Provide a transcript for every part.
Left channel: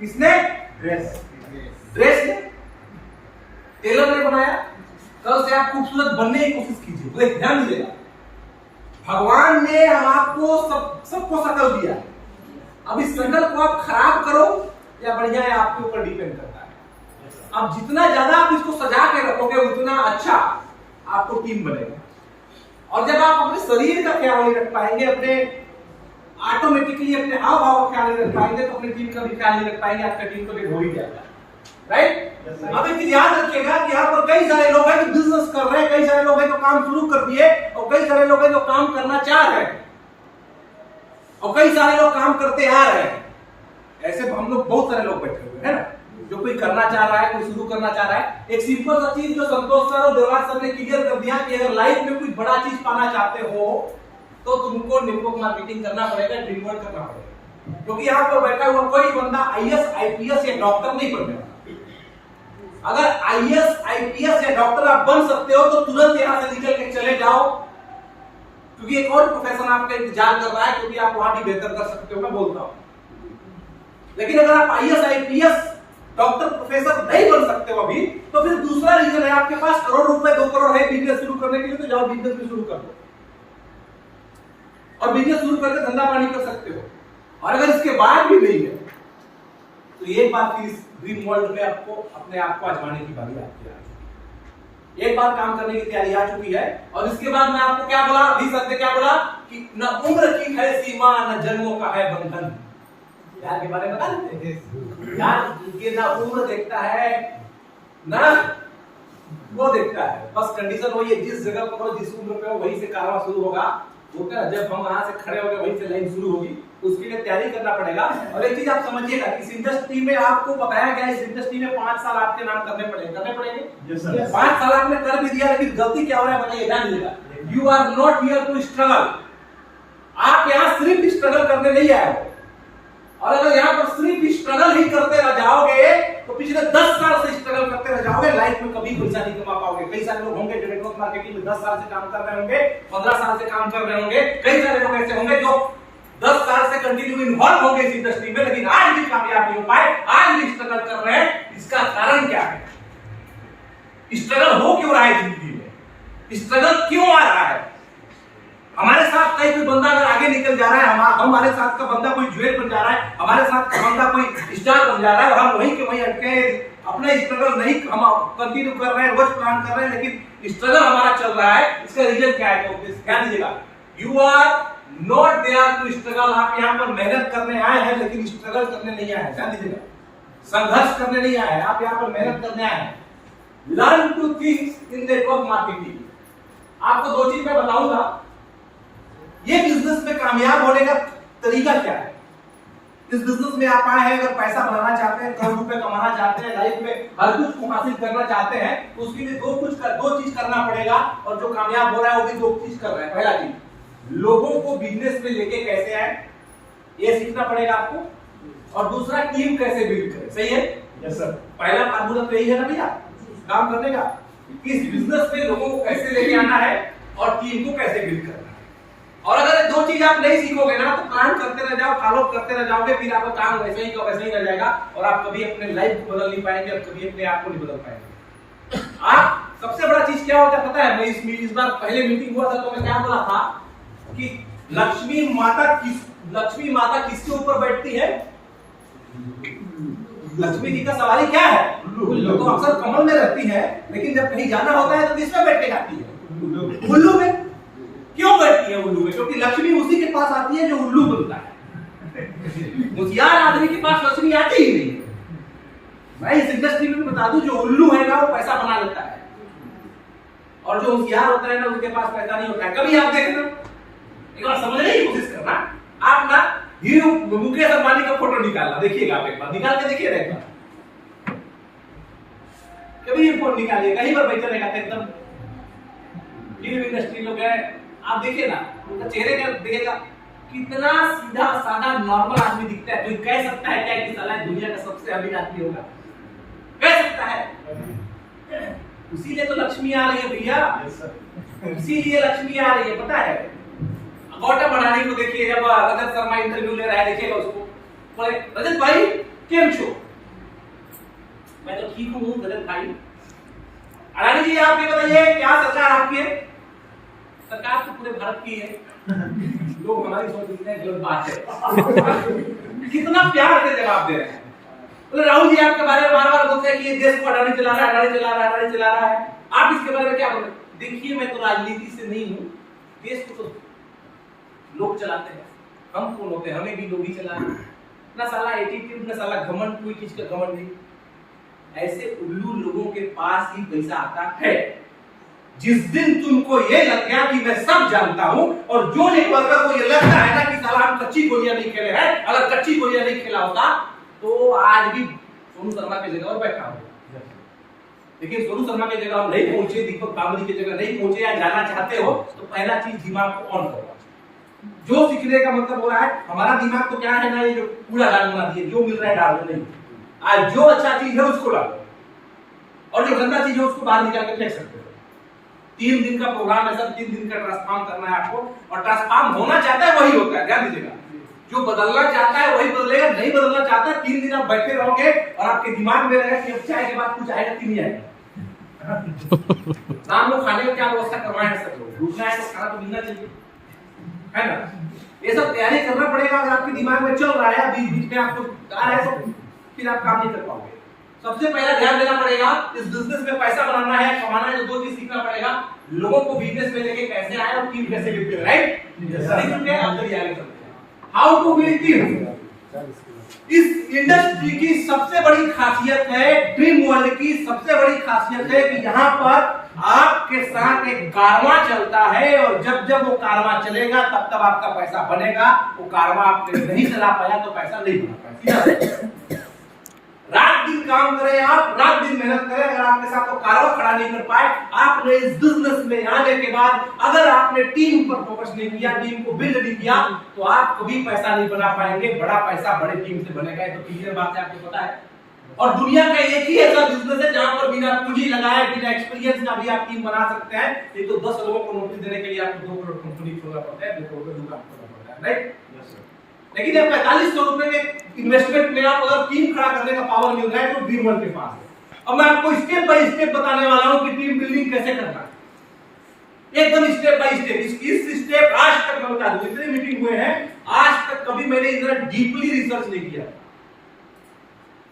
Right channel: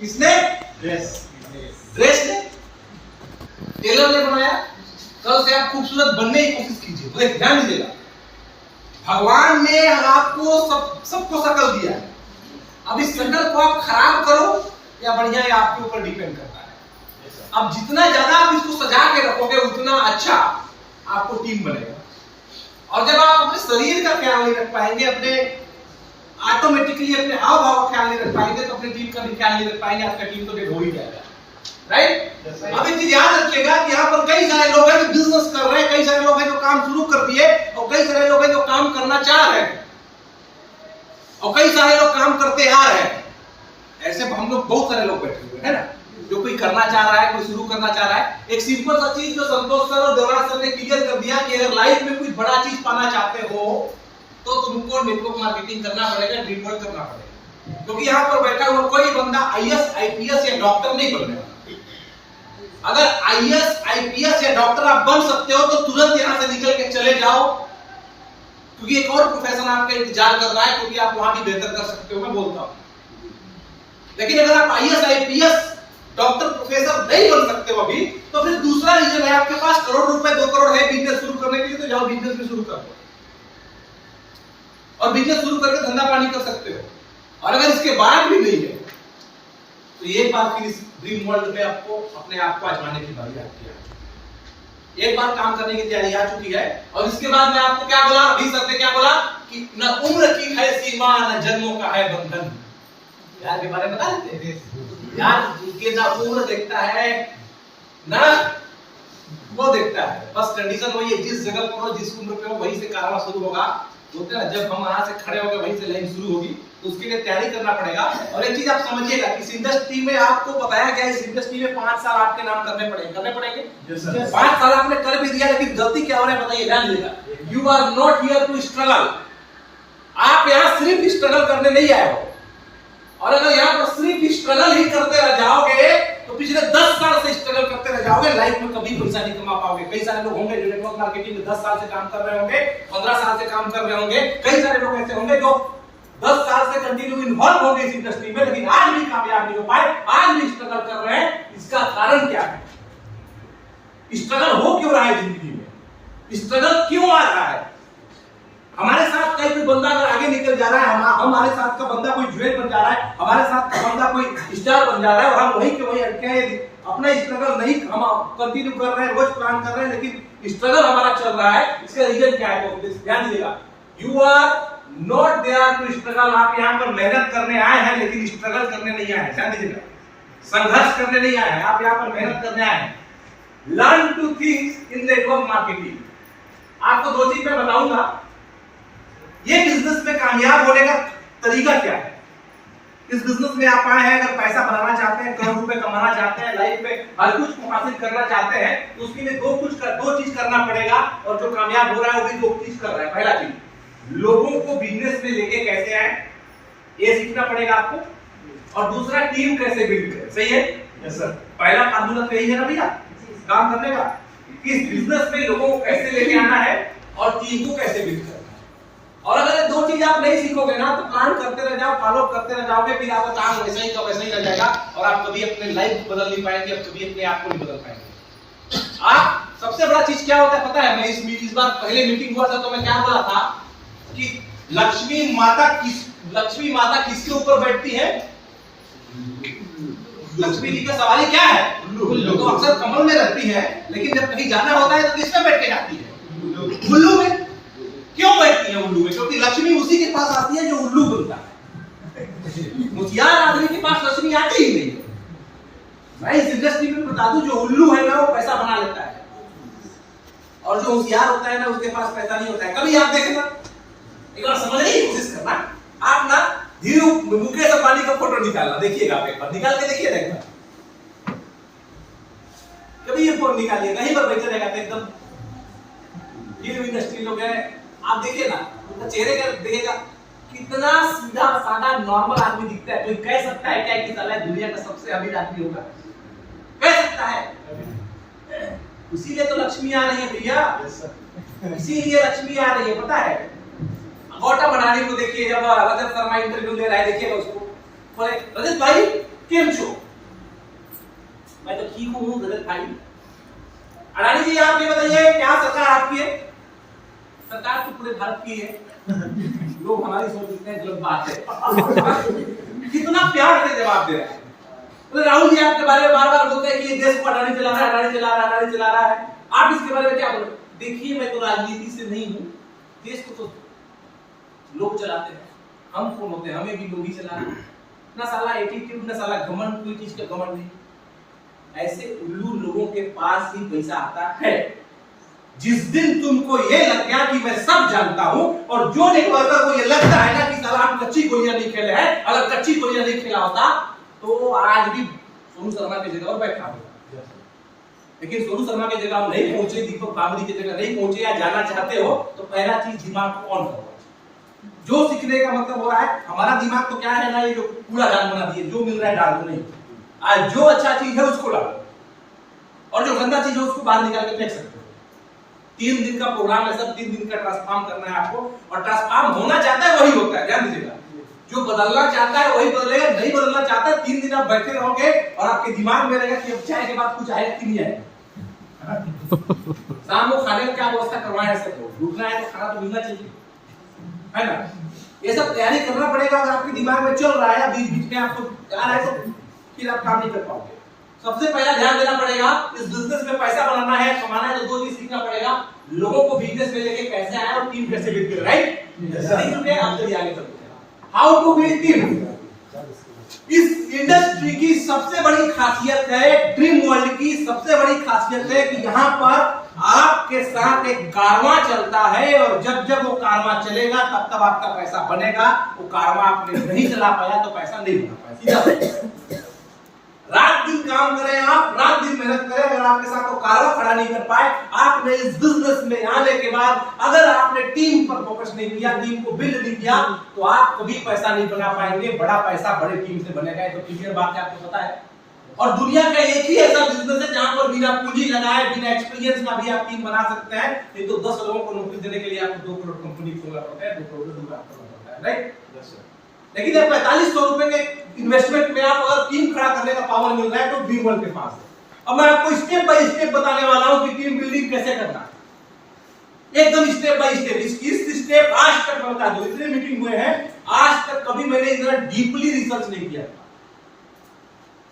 किसने? ड्रेस ने, टेलर ने बनाया। कल से आप खूबसूरत बनने की कोशिश कीजिए, तो ध्यान दीजिएगा, भगवान ने आपको सबको शकल दिया है। अब इस शकल को आप खराब करो या बढ़िया, ये आपके ऊपर डिपेंड करता है। अब जितना ज्यादा आप इसको सजा के रखोगे उतना अच्छा आपको टीम बनेगा। और जब आप अपने शरीर का ख्याल नहीं रख पाएंगे, अपने ऑटोमेटिकली अपने हाव भाव का ख्याल नहीं रख पाएंगे, तो अपनी टीम का भी ख्याल नहीं रख पाएंगे, आपका टीम तो डेड हो ही जाएगा। राइट? अब एक चीज याद रखिएगा कि यहाँ पर कई सारे लोग हैं जो बिजनेस कर रहे हैं, कई सारे लोग हैं जो काम शुरू कर दिए, और कई सारे लोग हैं जो काम करना चाह रहे हैं, और कई सारे लोग काम करते आ रहे हैं। ऐसे हम लोग बहुत सारे लोग बैठे हुए हैं ना, जो कोई करना चाह रहा है, कोई शुरू करना चाह रहा है। एक सिंपल सा चीज जो संतोष सर और देवराज सर ने क्लियर कर दिया कि अगर लाइफ में कुछ बड़ा चीज पाना चाहते हो तो तुमको नेटवर्क मार्केटिंग करना पड़ेगा, ड्रीम वर्क करना पड़ेगा। क्योंकि यहाँ पर बैठा हुआ कोई बंदा आईएएस, आईपीएस या डॉक्टर नहीं बनने वाला। अगर आईएएस, आईपीएस या डॉक्टर आप बन सकते हो तो तुरंत यहां से निकल के चले जाओ, क्योंकि एक और प्रोफेशन आपका इंतजार कर रहा है, क्योंकि आप वहां भी बेहतर कर सकते हो, मैं बोलता हूं। लेकिन अगर आप आईएएस, आईपीएस, डॉक्टर, प्रोफेसर नहीं बन सकते हो अभी, तो फिर दूसरा रीजन है, आपके पास करोड़ रुपए, 2 करोड़ है बिजनेस शुरू करने के लिए, तो जाओ बिजनेस भी शुरू कर दो और बिजनेस शुरू करके धंधा पानी कर सकते हो। और अगर इसके बाद भी नहीं है तो एक बार फिर इस ड्रीम वर्ल्ड में आपको अपने आप को आजमाने की बारी आती है। एक बार काम करने की तैयारी आ चुकी है, और इसके बाद मैं आपको क्या बोला, अभी सर ने क्या बोला कि न उम्र की है सीमा, न जन्मों का है बंधन। यार के बारे में बता देते हैं यार, के ना उम्र देखता है ना वो देखता है, बस कंडीशन वही है, जिस जगह पर हो, जिस उम्र पे हो, वहीं से कारवा शुरू होगा। बोलते हैं जब हम वहां से खड़े होंगे वहीं से लाइन शुरू होगी, तो उसके लिए तैयारी करना पड़ेगा। और एक चीज आप समझिएगा कि इस इंडस्ट्री में आपको बताया गया है, इस इंडस्ट्री में 5 साल आपके नाम करने पड़ेंगे। 5 साल आपने कर भी दिया, लेकिन गलती क्या हो रहा है बताइए, ध्यान दीजिएगा। You are not here to struggle. आप यहाँ सिर्फ स्ट्रगल करने नहीं आए हो, और अगर यहाँ पर सिर्फ स्ट्रगल ही करते रह जाओगे तो पिछले 10 साल से स्ट्रगल करते रह जाओगे, लाइफ में कभी पैसा नहीं कमा पाओगे। कई सारे लोग होंगे जो नेटवर्क मार्केटिंग में 10 साल से काम कर रहे होंगे, 15 साल से काम कर रहे होंगे। कई सारे लोग ऐसे होंगे जो 10 साल से कंटिन्यू इन्वॉल्व होंगे इस इंडस्ट्री में, लेकिन आज भी कामयाब नहीं हो पाए, आज भी स्ट्रगल कर रहे हैं। इसका कारण क्या है? स्ट्रगल हो क्यों रहा है जिंदगी में? स्ट्रगल क्यों आ रहा है? हमारे साथ कई कोई बंदा अगर आगे निकल जा रहा है, हमारे साथ का बंदा कोई ज्वेल बन जा रहा है, हमारे साथ का बंदा कोई स्टार बन जा रहा है, और हम वहीं के वहीं अटके हैं, अपना स्ट्रगल नहीं हम कंटिन्यू कर रहे हैं, रोज प्लान कर रहे हैं, लेकिन स्ट्रगल हमारा चल रहा है। इसका रीजन क्या है? तो ध्यान दीजिएगा, you are not there to struggle. आप यहाँ पर मेहनत करने आए हैं, लेकिन स्ट्रगल करने नहीं आए हैं। ध्यान दीजिएगा, संघर्ष करने नहीं आए हैं, आप यहाँ पर मेहनत करने आए हैं। Learn two things in network marketing. आपको 2 चीज मैं बताऊंगा, ये बिजनेस में कामयाब होने का तरीका क्या है। इस बिजनेस में आप आए हैं, अगर पैसा बनाना चाहते हैं, करोड़ रुपए कमाना चाहते हैं, लाइफ में हर कुछ को हासिल करना चाहते हैं, तो उसके लिए 2 चीज करना पड़ेगा, और जो कामयाब हो रहा है वो भी 2 चीज कर रहा है। पहला चीज, लोगों को बिजनेस में लेके कैसे आए, ये सीखना पड़ेगा आपको, और दूसरा टीम कैसे बिल्ड करें। सही है? Yes sir. पहला फार्मूला तो यही है ना भैया काम करने का, कि इस बिजनेस में लोगों को कैसे लेके आना है और टीम को कैसे बिल्ड करना है। और अगर ये 2 चीज आप नहीं सीखोगे ना, तो प्लान करते रह जाओ, फॉलो करते रह जाओगे, फिर आपका काम वैसे ही का वैसे ही रह जाएगा, और आप कभी अपने लाइफ को बदल नहीं पाएंगे, और कभी अपने आप को नहीं बदल पाएंगे। आप सबसे बड़ा चीज क्या होता है पता है? मैं इस बार पहले मीटिंग हुआ था तो मैं क्या बोला था कि लक्ष्मी माता किसके ऊपर बैठती है? लक्ष्मी जी का सवाल क्या है? तो अक्सर कमल में रहती है, लेकिन जब कहीं जाना होता है तो किस पे बैठ के जाती है? उल्लू में। क्यों बैठती है उल्लू में? क्योंकि लक्ष्मी उसी के पास आती है जो उल्लू बनता है। होशियार आदमी के पास लक्ष्मी आती ही नहीं है। मैं इस इंडस्ट्री में बता दूं, जो उल्लू है ना वो पैसा बना लेता है, और जो होशियार होता है ना उसके पास पैसा नहीं होता है। कभी आप देखना, एक बार समझने की कोशिश करना, आप ना मुकेश अंबानी का फोटो निकालना, देखिएगा आप एक बार निकाल के देखिएगा एक बार, कभी ये फोटो निकालिए, कहीं पर बैठे रहेगा एकदम फिल्म इंडस्ट्री लोग हैं, आप देखिए ना उनका चेहरे का देखिएगा कितना सीधा साधा नॉर्मल आदमी दिखता है। कोई कह सकता है क्या कि साला दुनिया का सबसे अमीर आदमी होगा? कह सकता है? इसीलिए तो लक्ष्मी आ रही है भैया, इसीलिए लक्ष्मी आ रही है। पता है गौतम अडानी को देखिए, जब रजत शर्मा इंटरव्यू ले रहा है, देखिएगा उसको, बोले रजत भाई केम छो? मैं तो ठीक हूँ रजत भाई। अडानी जी आप ये बताइए क्या सरकार आपकी है? सरकार तो पूरे भारत की है। लोग हमारी सोचते हैं गलत बात है। कितना प्यार से जवाब दे रहे हैं। बोले राहुल जी आपके बारे में बार बार बोलते हैं कि ये देश को अडानी चला रहा है, अडानी चला रहा है, अडानी चला रहा है। आप इसके बारे में क्या बोले? देखिए मैं तो राजनीति से नहीं हूँ, देश को तो लोग चलाते हैं। हम कौन होते हैं? हमें भी लोग ही चला रहे हैं। ना साला एटीट्यूड, ना साला घमंड, कोई चीज का घमंड नहीं। ऐसे उल्लू लोगों के पास ही पैसा आता है। जिस दिन तुमको ये लग गया कि मैं सब जानता हूं और जो नेटवर्कर को ये लगता है ना कि साला हम कच्ची गोलियां नहीं खेले हैं, अगर कच्ची गोलियां नहीं खेला होता तो आज भी सोनू शर्मा की जगह पर बैठा होगा। लेकिन सोनू शर्मा की जगह हम नहीं पहुंचे, दीपक बाबरी की जगह नहीं पहुंचे या जाना चाहते हो तो पहला चीज दिमाग को ऑन करो। जो सीखने का मतलब हो रहा है, हमारा दिमाग तो क्या है ना, ये जो कूड़ा दान बना दिए, जो मिल रहा है डाल दो, नहीं आज जो अच्छा चीज है उसको डालो और जो गंदा चीज है उसको बाहर निकाल के फेंक सकते हो। 3 दिन का प्रोग्राम है सर, 3 दिन का ट्रांसफॉर्म करना है आपको और ट्रांसफॉर्म होना चाहता है वही होता है, ध्यान दीजिएगा। जो बदलना चाहता है वही बदलेगा, नहीं बदलना चाहता है 3 दिन आप बैठे रहोगे और आपके दिमाग में रहेगा कि अब चाय के बाद कुछ आएगा कि नहीं आएगा। शाम को खाने का क्या व्यवस्था करवाए हैं सब लोग, रुकना है तो खाना तो मिलना चाहिए, है ना। ये सब तैयारी करना पड़ेगा। अगर आपके दिमाग में चल रहा है, बीच बीच में आपको आ रहा है तो फिर आप काम नहीं कर पाओगे। सबसे पहला ध्यान देना पड़ेगा, इस बिजनेस में पैसा बनाना है, कमाना है तो 2 चीज सीखना पड़ेगा। लोगों को बिजनेस में लेके कैसे आए और टीम कैसे बिल्ड करें, राइट? अब चलिए आगे चलते हैं। How to build team. इस इंडस्ट्री की सबसे बड़ी खासियत है, ड्रीम वर्ल्ड की सबसे बड़ी खासियत है कि यहाँ पर आपके साथ एक कारवां चलता है और जब जब वो कारवां चलेगा तब तब आपका पैसा बनेगा। वो कारवां आपने नहीं चला पाया तो पैसा नहीं बना पाया। रात दिन काम करें आप, रात दिन मेहनत करें, अगर आपके साथ वो कारवां खड़ा नहीं कर पाए, आपने इस बिजनेस में आने के बाद अगर आपने टीम पर फोकस नहीं किया, टीम को बिल्ड नहीं किया तो आप कभी पैसा नहीं बना पाएंगे। बड़ा पैसा बड़े टीम से बनेगा, ये तो क्लियर बात है, आपको पता है। और दुनिया का एक ही ऐसा बिजनेस है जहां पर बिना पूंजी लगाए, बिना एक्सपीरियंस का भी आप टीम बना सकते हैं। ये तो 10 लोगों को नौकरी देने के लिए आपको 2 करोड़ कंपनी खोलना पड़ता है, 2 करोड़ का दुकान खोलना पड़ता है, राइट? लेकिन जब 4500 रुपए के इन्वेस्टमेंट में आप अगर टीम खड़ा करने का पावर मिल रहा है तो ड्रीम वर्ल्ड के पास है। अब मैं आपको स्टेप बाय स्टेप बताने वाला हूं कि टीम बिल्डिंग कैसे करना है, एकदम स्टेप बाय स्टेप। इस स्टेप आज तक मैं बता दूं, इतने मीटिंग हुए हैं, आज तक कभी मैंने इतना डीपली रिसर्च नहीं किया।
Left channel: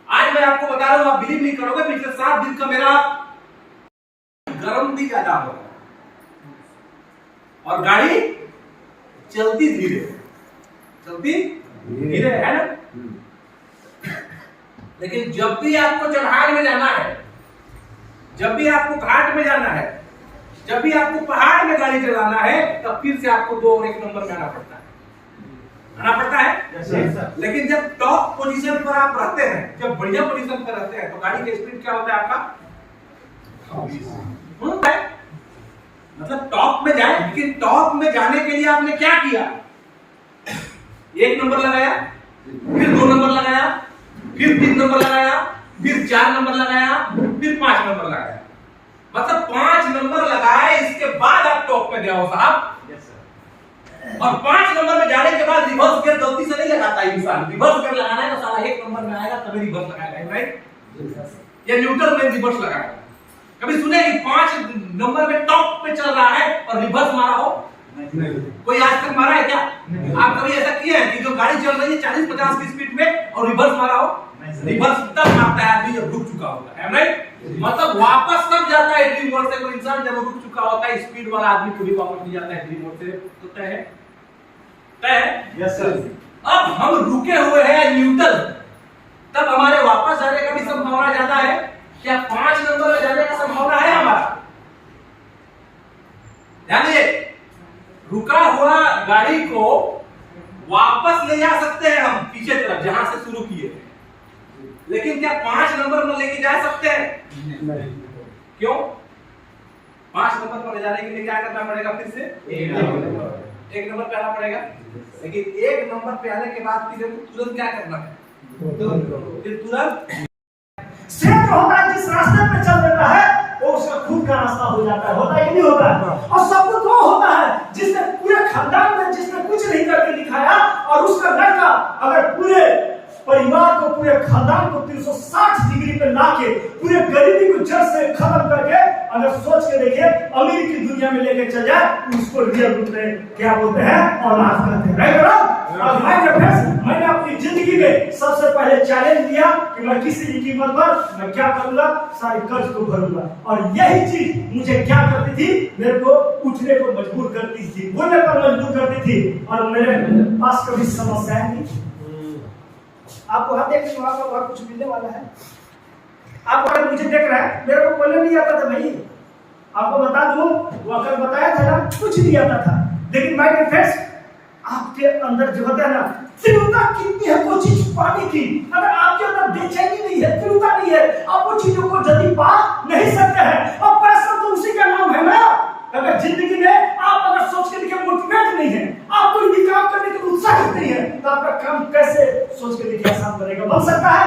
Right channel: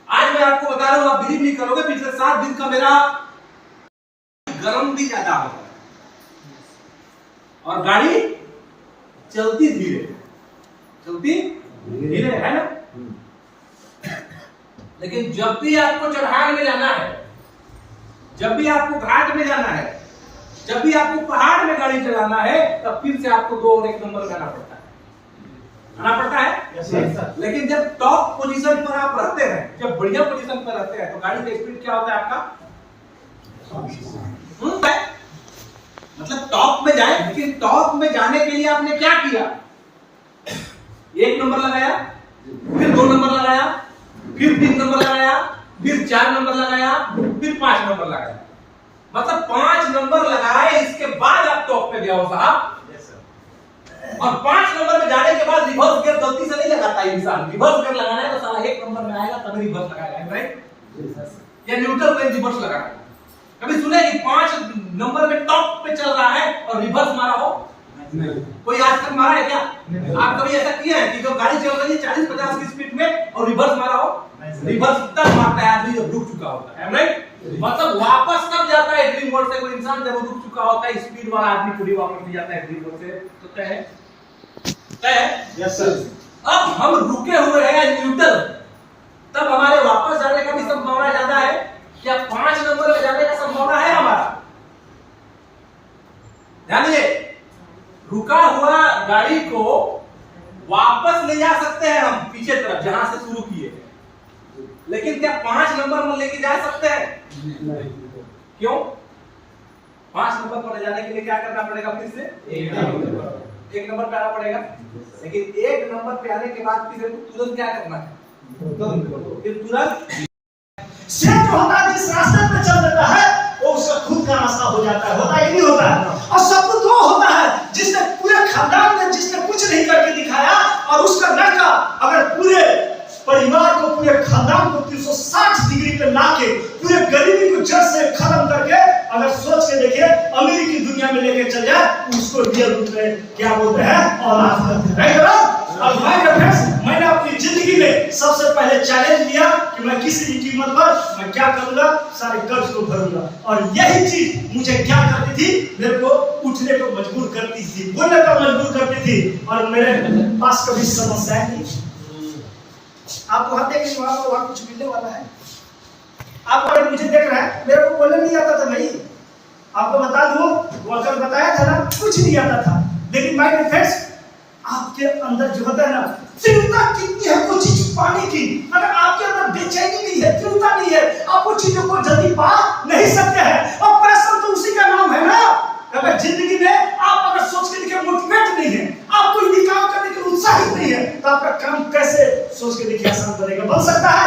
आज मैं आपको बता रहा हूं, आप बिलीव नहीं करोगे, पिछले 7 दिन का मेरा गर्म भी ज्यादा हो रहा है और गाड़ी चलती धीरे, चलती धीरे है ना। लेकिन जब भी आपको चढ़ाई में जाना है, जब भी आपको घाट में जाना है, जब भी आपको पहाड़ में गाड़ी चलाना है, तब फिर से आपको 2 और 1 नंबर में आना पड़ता है, आना पड़ता है। yes, लेकिन जब टॉप पोजीशन पर आप रहते हैं, जब बढ़िया पोजीशन पर रहते हैं तो गाड़ी का स्पीड क्या होता है आपका? मतलब टॉप में जाए, लेकिन टॉप में जाने के लिए आपने क्या किया? 1 नंबर लगाया, फिर 2 नंबर लगाया, फिर 3 नंबर लगाया, फिर 4 नंबर लगाया, फिर 5 नंबर लगाया। मतलब 5 नंबर लगाए, इसके बाद आप टॉप पे गए हो साहब। और 5 नंबर में जाने के बाद रिवर्स गियर गलती से नहीं लगाता इंसान। रिवर्स गियर लगाना है तो साला 1 नंबर में आएगा तभी रिवर्स लगाएगा, राइट? या न्यूट्रल में रिवर्स लगाएगा। कभी सुने कि 5 नंबर में टॉप पे चल रहा है और रिवर्स मारा हो? कोई आज तक मारा है क्या? आप कभी ऐसा किया है कि जो गाड़ी चल रही है 40-50 की स्पीड में और रिवर्स मारा हो? रिवर्स तब मारता है आदमी जब रुक चुका होता है, राइट? मतलब वापस तब जाता है ड्रीम वर्ल्ड से कोई इंसान जब रुक चुका होता है। स्पीड वाला आदमी कभी वापस नहीं जाता है ड्रीम वर्ल्ड से। तो तय है, तय है। Yes sir. अब हम रुके हुए हैं न्यूट्रल, तब हमारे वापस जाने का भी संभावना ज्यादा है। क्या 5 नंबर में जाने का संभावना है हमारा? ध्यान दीजिए, रुका हुआ गाड़ी को वापस ले जा सकते हैं हम पीछे तरफ जहां से शुरू किए, लेकिन क्या 5 नंबर में लेके जा सकते हैं? नहीं। क्यों? 5 नंबर पर ले जाने के लिए क्या करना पड़ेगा? फिर से 1 नंबर पे आना पड़ेगा। लेकिन 1 नंबर पे आने के बाद फिर तुरंत क्या करना है? फिर तुरंत क्षेत्र होता है, जिस रास्ते पे चल देता है वो उसका खुद का रास्ता हो जाता है। होता है कि नहीं होता है? और सपूत वो होता है जिसने पूरे खानदान में जिसने कुछ नहीं करके दिखाया और उसका लड़का अगर पूरे परिवार को, पूरे खानदान को 360 डिग्री पे लाके पूरे गरीबी को जड़ से खत्म करके अगर सोच के देखिए अमीरी की दुनिया में लेके चल जाए, उसको रियल रूप में क्या बोलते हैं, औलाद कहते हैं, राइट ना? और मैंने अपनी जिंदगी में सबसे पहले चैलेंज लिया कि मैं किसी भी कीमत पर मैं क्या करूंगा, सारे कर्ज को भरूंगा। और यही चीज मुझे क्या करती थी, मेरे को उठने को मजबूर करती थी, बोलने पर मजबूर करती थी। और मेरे पास कभी समस्या नहीं। आप वहां देख लीजिए, वहां कुछ मिलने वाला है। आप अगर मुझे देख रहे हैं, मेरे को बोलने नहीं आता था भाई, आपको बता दूं, वो अगर बताया था ना, कुछ नहीं आता था। लेकिन माय फ्रेंड्स, आपके अंदर जो होता है ना, तीव्रता कितनी है वो चीज पाने की। अगर आपके अंदर बेचैनी नहीं है, तीव्रता नहीं है, आप वो चीजों को जल्दी पा नहीं सकते हैं। और पैसा तो उसी का नाम है ना। अगर जिंदगी में आप अगर सोच के देखिए मोटिवेट नहीं है, आप कोई भी काम करने के लिए उत्साहित नहीं है, तो आपका काम कैसे सोच के देखिए आसान बनेगा? बन सकता है?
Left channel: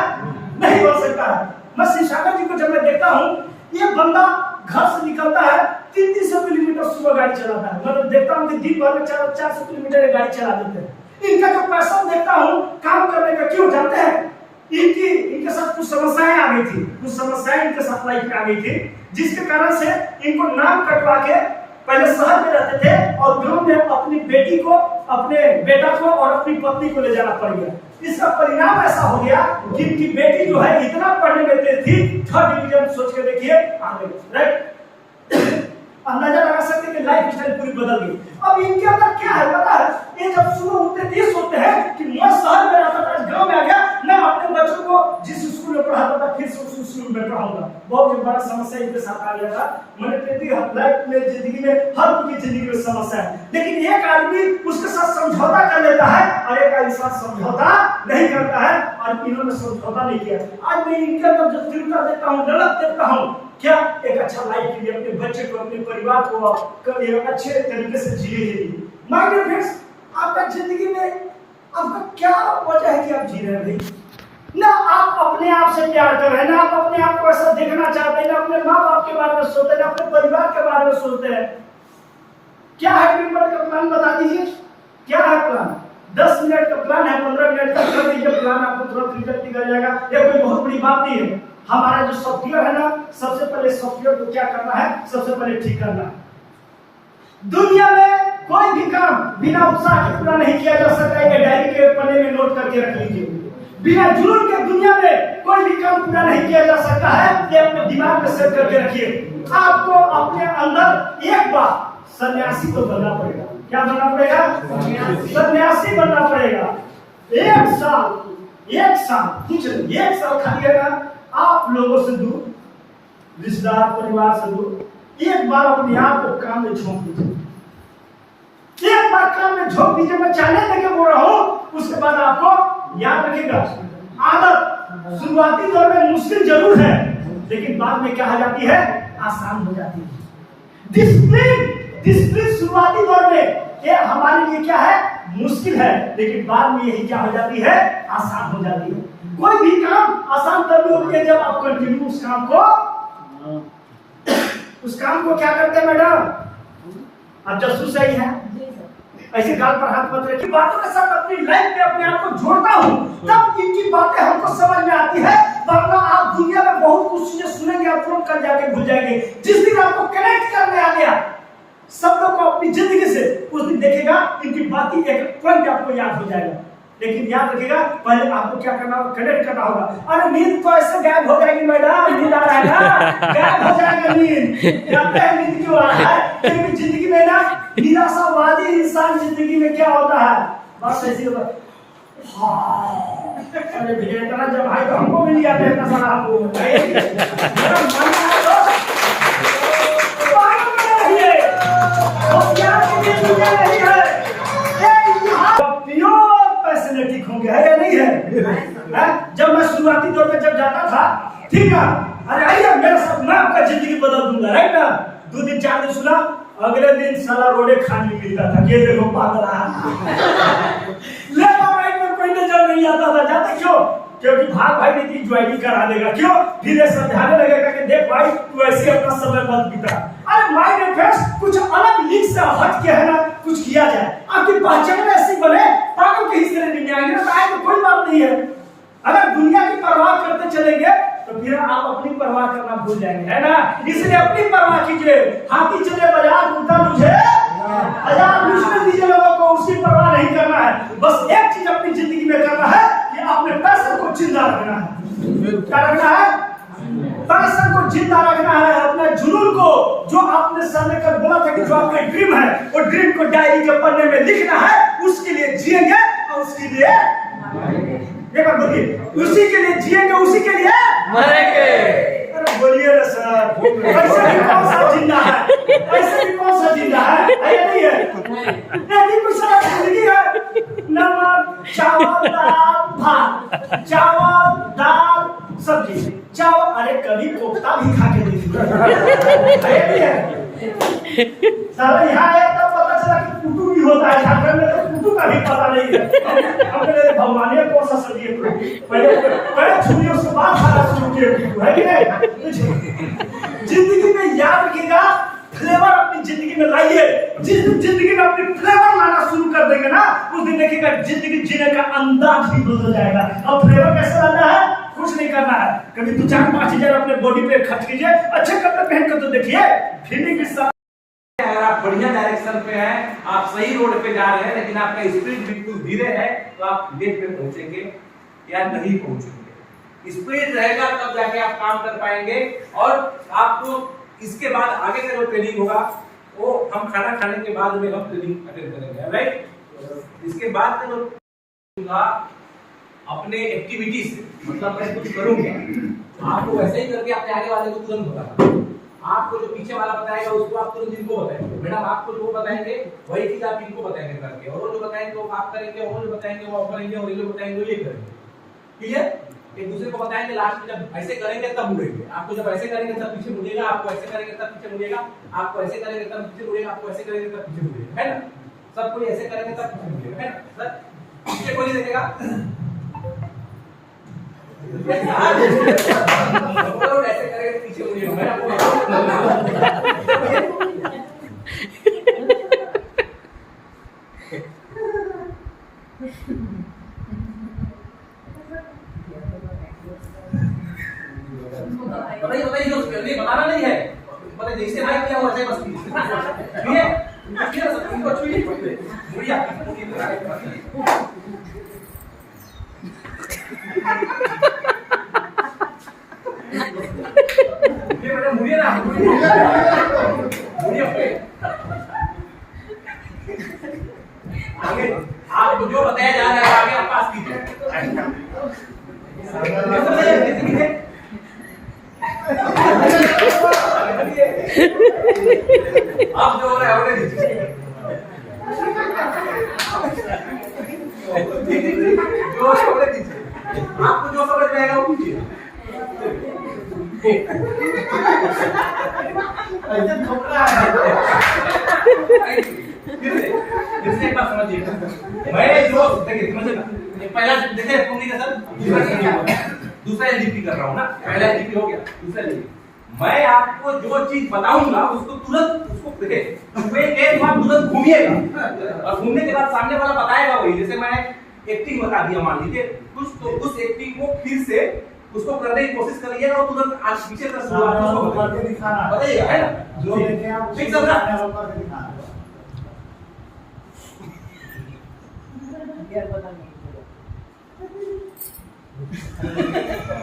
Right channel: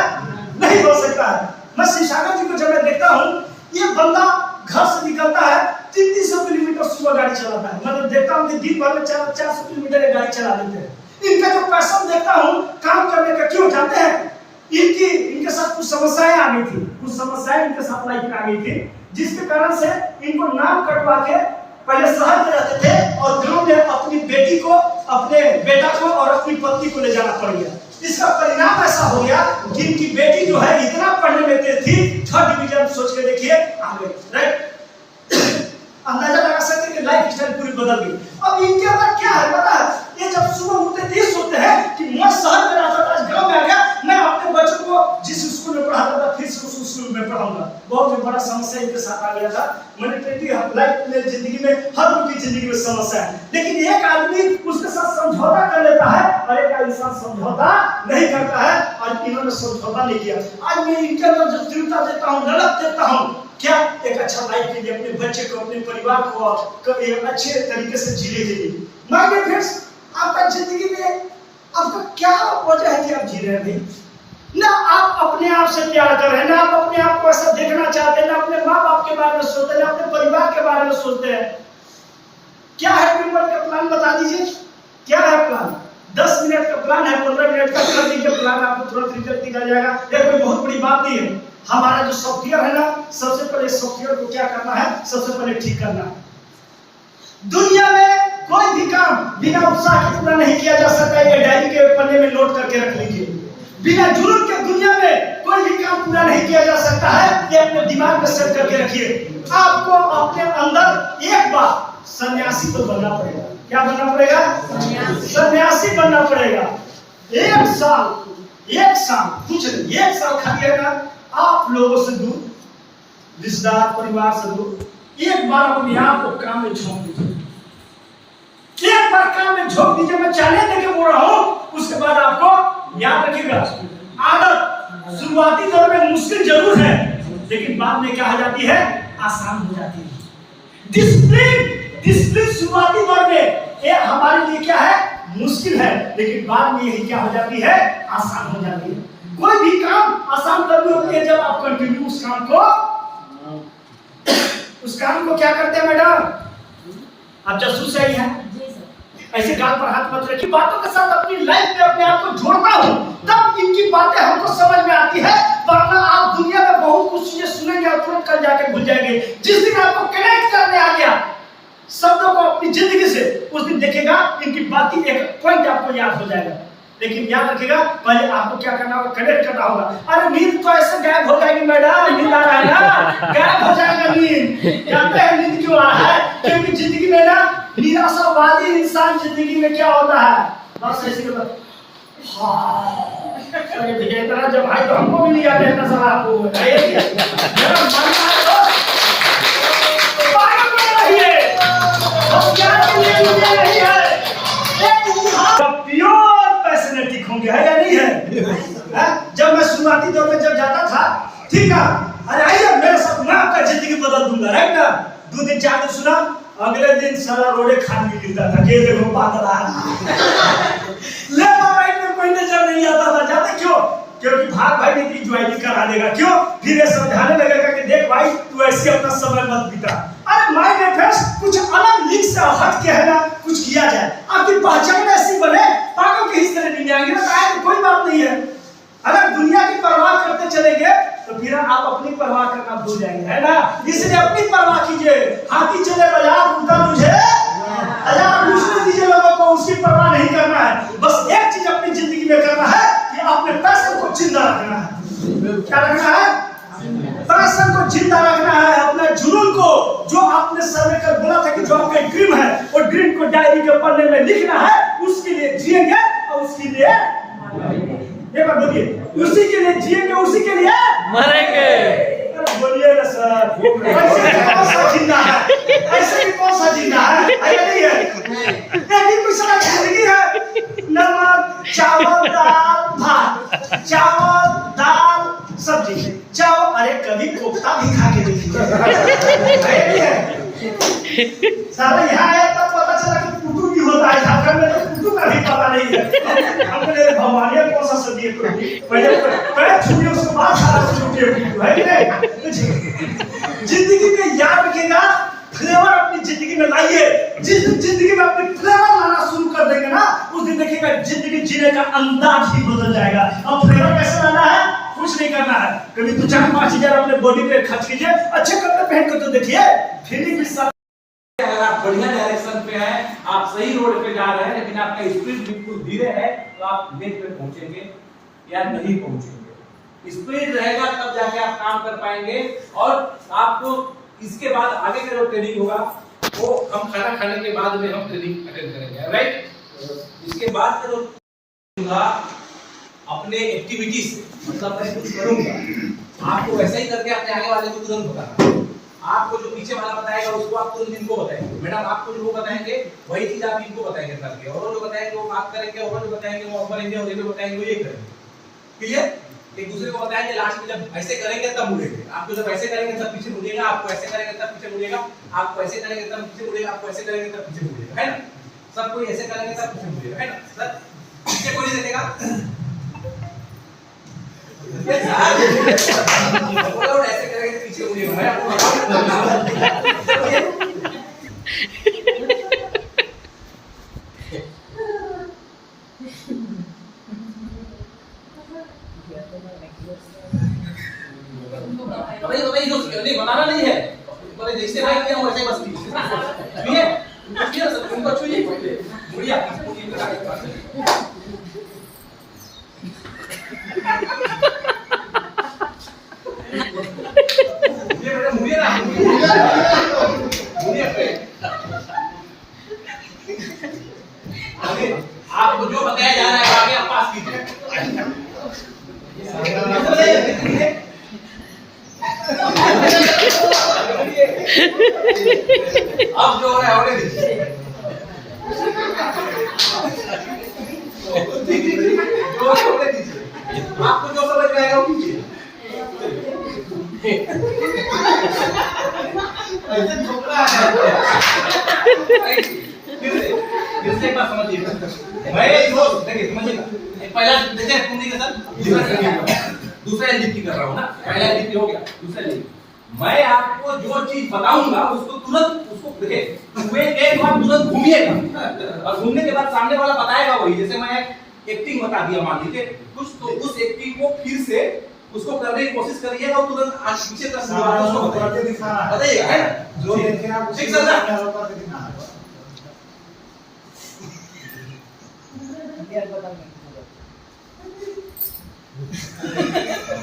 नहीं बन सकता है। मैं शिवसागर जी को जब मैं देखता हूँ, ये बंदा घर से निकलता है, 300 किलोमीटर सुबह गाड़ी चलाता है। मतलब देखता हूँ कि दिन भर में 400 किलोमीटर गाड़ी चला देते हैं। इनका जो पैशन देखता हूँ काम करने का, क्यों जानते हैं? इनके साथ कुछ समस्याएं आ गई थी, कुछ समस्याएं इनके साथ लाइफ में आ गई थी, जिसके कारण से इनको नाम कटवा के पहले शहर में रहते थे और गांव में अपनी बेटी को, अपने बेटा को और अपनी पत्नी को ले जाना पड़ गया। इसका परिणाम ऐसा हो गया कि इनकी बेटी जो है इतना पढ़ने में तेज थी, 3rd डिवीजन सोच के देखिए आ गई, राइट? अंदाजा लगा सकते कि लाइफ स्टाइल पूरी बदल गई। अब इनके अंदर क्या है पता है? ये जब सुबह उठते थे सोचते हैं कि मैं शहर में रहता था, गांव में आ गया, मैं अपने बच्चों को जिस स्कूल में पढ़ाता था फिर से उस स्कूल में पढ़ाऊंगा। बहुत बड़ा समस्या इनके साथ आ गया था। मैंने लाइफ में, जिंदगी में, हर उनकी जिंदगी में समस्या है। लेकिन एक आदमी उसके साथ समझौता कर लेता है और एक इंसान समझौता नहीं करता है, और इन्होंने समझौता नहीं किया। आज मैं इनके अंदर जो तीव्रता देता हूँ, ललक देता हूँ, क्या एक अच्छा लाइफ के लिए, अपने बच्चे को, अपने परिवार को अच्छे तरीके से जीने के लिए। माय डियर फ्रेंड्स, आपका जिंदगी में आपका क्या वजह है कि आप जी रहे हैं भाई? ना आप अपने आप से प्यार कर रहे हैं, ना आप अपने आप को ऐसा देखना चाहते हैं, ना अपने माँ बाप के बारे में सोचते हैं, ना अपने परिवार के बारे में सोचते हैं। क्या है ड्रीमर का प्लान? बता दीजिए, क्या है प्लान? 10 मिनट का प्लान है, 15 मिनट का कर दीजिए प्लान, आपको तुरंत रिजल्ट निकल जाएगा। ये कोई बहुत बड़ी बात नहीं है। हमारा जो सॉफ्टवेयर है ना, सबसे पहले सॉफ्टवेयर को क्या करना है? सबसे पहले ठीक करना है। दुनिया में कोई भी काम बिना उत्साह के पूरा नहीं किया जा सकता। ये डायरी के पन्ने में नोट करके रख लीजिए। बिना जुनून के दुनिया में कोई भी काम पूरा नहीं किया जा सकता है। ये अपने दिमाग में सेट करके रखिए। आपको अपने अंदर एक बार सन्यासी तो बनना पड़ेगा। क्या बनना पड़ेगा? सन्यासी बनना पड़ेगा। एक साल कुछ नहीं, 1 साल खाली है ना, आप लोगों से दूर, रिश्तेदार परिवार से दूर, एक बार अपने आप को काम में झोंक दीजिए। एक बार काम में झोंक दीजिए। मैं चैलेंज देके बोल रहा हूं। उसके बाद आपको याद रखिएगा, आदत शुरुआती दौर में मुश्किल जरूर है, लेकिन बाद में क्या हो जाती है? आसान हो जाती है। डिसिप्लिन शुरुआती दौर में ये हमारे लिए क्या है? मुश्किल है, लेकिन बाद में यही क्या हो जाती है? आसान हो जाती है। कोई भी काम आसान तभी होती है जब आप कंटिन्यू उस काम को क्या करते हैं मैडम? आप जासूस सही है, ऐसे गाल पर हाथ मत रखिए। बातों के साथ अपनी लाइफ में अपने आप को जोड़ता हूँ, तब इनकी बातें हमको समझ में आती है। वरना आप दुनिया में बहुत कुछ चीजें सुनेंगे और तुरंत कल जाके भूल जाएंगे। जिस दिन आपको कनेक्ट करने आ गया शब्दों को अपनी जिंदगी से, उस दिन देखिएगा इनकी बातें एक पॉइंट आपको याद हो जाएगा। लेकिन याद रखिएगा, पहले आपको क्या करना होगा? कनेक्ट करना होगा। अरे नींद तो ऐसे गायब हो जाएगी मैडम, नींद आ रहा है ना, गायब हो जाएगा नींद। जानते हैं नींद क्यों आ रहा है? क्योंकि जिंदगी में ना निराशावादी इंसान जिंदगी में क्या होता है? बस ऐसे अरे भैया इतना जब भाई तो हमको भी नहीं आते इतना सारा। आपको मेरा मानना है तो पागल बने रहिए, होशियार के लिए दुनिया नहीं है। प्योर पैशनेटिक होंगे, है या नहीं है? जब मैं शुरुआती दौर में जब जाता था, ठीक है, अरे आइए मेरे साथ, मैं आपका जिंदगी बदल दूंगा, राइट ना? 2 दिन 4 दिन सुना, अगले दिन सारा रोडे खाली गिरता था। ये देखो पागल आ लेफ्ट राइट में कोई नजर नहीं आता था। जाते क्यों? क्योंकि भाग भाई ने ज्वाइनिंग करा देगा। क्यों? फिर ये समझाने लगेगा कि देख भाई तू ऐसे अपना समय मत बिता। अरे माय डियर फ्रेंड्स, कुछ अलग लीग से हट के है ना, कुछ किया जाए। आपकी पहचान ऐसी बने, पागल के हिस्से में नहीं आएंगे ना, तो आए तो कोई बात नहीं है। परवाह करना भूल जाएंगे, है ना। इसलिए अपनी परवाह कीजिए। हाथी चले बाजार उल्टा मुझे हजार लूटने दीजिए लोगों को, उसकी परवाह नहीं करना है। बस एक चीज अपनी जिंदगी में करना है कि अपने पैशन को जिंदा रखना है। क्या रखना है? पैशन को जिंदा रखना है। अपने जुनून को, जो आपने सर में कर बोला था कि जो आपका ड्रीम है, वो ड्रीम को डायरी के पन्ने में लिखना है। उसके लिए जिएंगे और उसके लिए एक बार बोलिए, उसी के लिए जिएंगे, उसी के लिए मरेंगे। अरे बोलिए ना सर, ऐसे भी कौन सा जिंदा है? ऐसे भी कौन सा जिंदा है? ऐसा नहीं है। नहीं कुछ सारा जिंदगी है। नमक चावल दाल भात, चावल दाल सब्जी, चावल, अरे कभी कोफ्ता भी खा के देखिए। सारा यहाँ आया तब पता चला कि पुटू भी होता है। झारखंड में तो पुटू का भी पता नहीं है। हमने भगवान ये कौन सा सब्जी है? पहले पैर छुए उसके बाद सारा शुरू किए, है कि नहीं? जिंदगी में याद रखिएगा, फ्लेवर अपनी जिंदगी में लाइए। जिस दिन जिंदगी में अपनी फ्लेवर लाना शुरू कर देंगे ना, उस दिन देखिएगा जिंदगी जीने का अंदाज ही बदल जाएगा। अब फ्लेवर कैसे लाना है? कुछ नहीं करना है, कभी 2-4-5 हजार अपने बॉडी पे खर्च कीजिए। अच्छे कपड़े पहन कर तो देखिए, फीलिंग के साथ। अगर आप बढ़िया डायरेक्शन पे हैं, आप सही रोड पे जा रहे हैं, लेकिन आपका स्पीड बिल्कुल धीरे है, तो आप लेट पे पहुंचेंगे या नहीं पहुंचेंगे। स्पीड रहेगा तब जाके आप काम कर पाएंगे। और आपको इसके बाद आगे का जो ट्रेनिंग होगा वो हम खाना खाने के बाद में हम ट्रेनिंग अटेंड करेंगे, राइट। इसके बाद का जो होगा अपने एक्टिविटी से, मतलब मैं कुछ करूंगा, आपको वैसे ही करके अपने आगे वाले को तुरंत बताना। आपको जो पीछे वाला बताएगा उसको आप तुरंत इनको बताएंगे। मैडम आपको जो वो बताएंगे वही चीज आप इनको बताएंगे करके, और वो जो बताएंगे वो आप करेंगे, और वो जो बताएंगे वो आप करेंगे, और ये जो बताएंगे वो ये करेंगे। क्लियर? एक दूसरे को बताएंगे। लास्ट में जब ऐसे करेंगे तब मुड़ेंगे। आपको जब ऐसे करेंगे तब पीछे मुड़ेगा, आपको ऐसे करेंगे तब पीछे मुड़ेगा, आपको ऐसे करेंगे तब पीछे मुड़ेगा, आपको ऐसे करेंगे तब पीछे मुड़ेगा, है ना। सब कोई ऐसे करेंगे तब पीछे मुड़ेगा, है ना सर। पीछे कोई देखेगा ऐसे करेंगे तो पीछे मुड़ेगा। मैं आपको बताइए दोस्त, नहीं बताना नहीं है, बोले जैसे मैं किया वैसे बस कीजिए। ठीक है सब इनको छूइए, मुड़िया ये बड़े मुड़िया ना मुड़िया पे आगे आपको जो बताया जा रहा है आगे आप पास कीजिए। अब जो है और जो आपको जो समझ में आएगा वो कीजिए। ऐसे ठोकरा है। फिर से एक बात समझिए। मैं जो देखिए समझिएगा, पहला देखिए कुंडी का सर दूसरा एलडीपी कर रहा हूँ ना, पहला एलडीपी हो गया, दूसरा एलडीपी। मैं आपको जो चीज बताऊंगा उसको तुरंत उसको देखिए एक बार तुरंत घूमिएगा, और घूमने के बाद सामने वाला बताएगा वही। जैसे मैं एक्टिंग बता दिया मान लीजिए कुछ, तो उस एक्टिंग को फिर से उसको करने की कोशिश करिएगा और तुरंत आज पीछे का शुरुआत उसको करके दिखाना बताइएगा, है ना। जो देखें आप ठीक सर करके दिखाना है।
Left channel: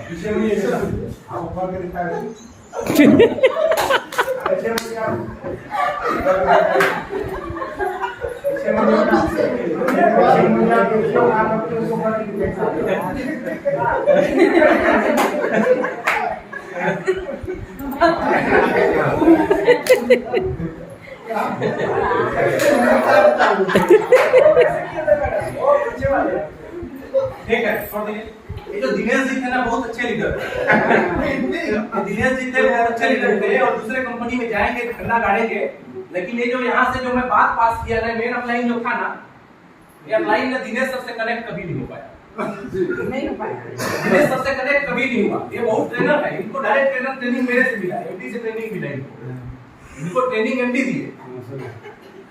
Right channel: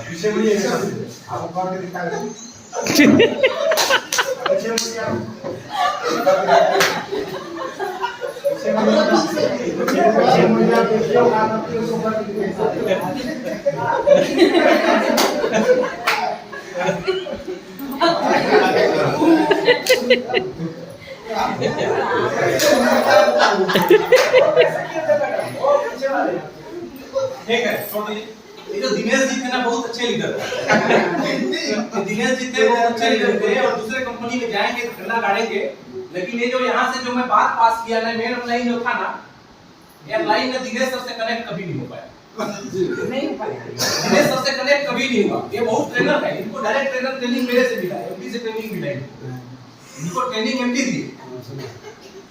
पीछे मुड़िए आप करके दिखाएंगे। पीछे मुड़िए आप पीछे मुड़िए देखिए आप उसको करके दिखाएंगे। ठीक है छोड़ दीजिए। ये जो दिनेश जी थे ना बहुत अच्छे लीडर थे। दिनेश जी थे बहुत अच्छे लीडर थे और दूसरे कंपनी में जाएंगे ठंडा गाड़ेंगे, लेकिन ये जो यहाँ से जो मैं बात पास किया ना, मेन लाइन जो था ना, ये लाइन में दिनेश सबसे कनेक्ट कभी नहीं हो पाया। नहीं हो पाया। दिनेश सबसे कनेक्ट कभी नहीं हुआ। ये बहुत ट्रेनर है, इनको डायरेक्ट ट्रेनर ट्रेनिंग मेरे से मिला, एमडी से ट्रेनिंग मिला इनको ट्रेनिंग एमडी दी,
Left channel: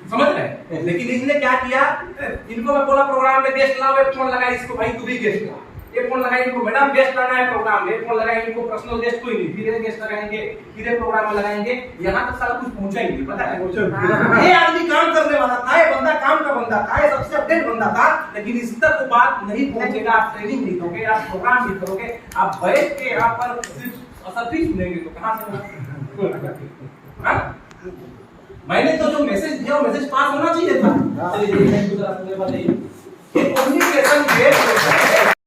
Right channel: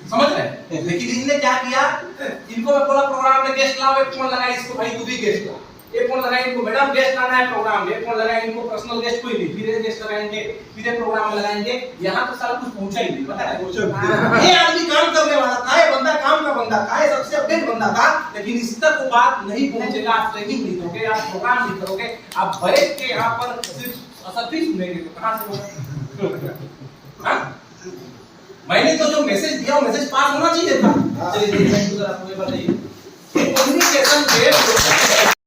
समझ रहे। लेकिन इन्होंने क्या किया, इनको मैं बोला प्रोग्राम में गेस्ट लाओ, एक फोन लगा इसको, भाई तू भी गेस्ट ला। एक फोन लगाए इनको, मैडम गेस्ट आना है प्रोग्राम में, एक फोन लगाए इनको, पर्सनल गेस्ट कोई नहीं, फिर गेस्ट लगाएंगे, फिर प्रोग्राम में लगाएंगे, यहाँ तो सारा कुछ पहुंचा ही नहीं, पता है। ये आदमी काम करने वाला था, ये बंदा काम का बंदा था, ये सबसे अपडेट बंदा था, लेकिन इस तक वो बात नहीं पहुंचेगा, आप ट्रेनिंग नहीं दोगे, आप प्रोग्राम नहीं करोगे, आप बैठ के यहाँ पर सिर्फ असफी सुनेंगे तो कहाँ से होगा? मैंने तो जो मैसेज दिया वो मैसेज पास होना चाहिए था। चलिए कम्युनिकेशन